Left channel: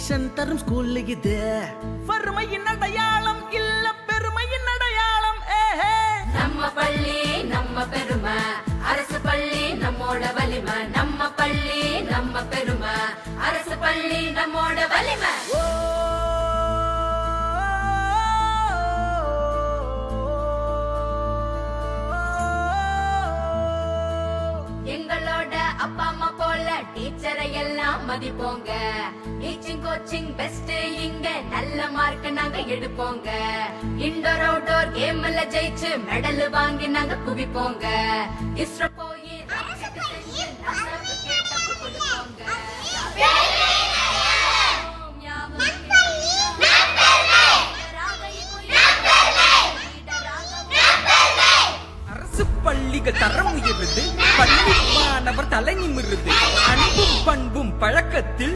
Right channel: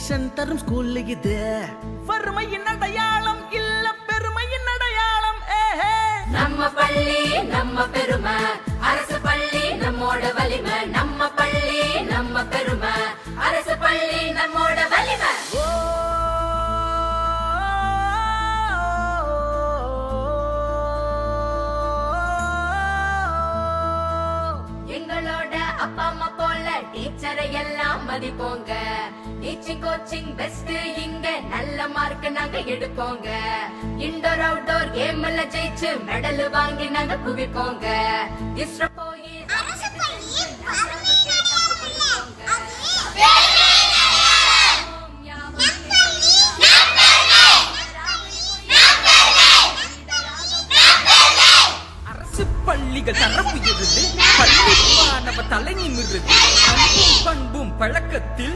Education தரும் school இது. வறுமையின் அடையாளம் இல்ல பெருமையின் அடையாளம். நம்ம பள்ளி நம்ம பெருமை, அரசு பள்ளி நம்மோட வலிமை. நம்ம பள்ளி நம்ம பெருமை, அரசு பள்ளி நம்மோட வலிமை. எங்களோட அப்பா அம்மா போல டீச்சரை எல்லாம் மதிப்போங்க. டீச்சிங் கோச்சிங் பெஸ்ட், இங்க நல்ல மார்க் நாங்க எடுப்போங்க. இன்டோர் அவுட்டோர் கேம்ல ஜெயிச்சு மெடல் வாங்கி நாங்க குவிப்போங்க. இஸ்ரோ போய் அரசு பள்ளிகள் தரம் உயர்வு, பள்ளி மாணவர் தலை நிமிர்வு, பண்பும் பழக்கத்தில்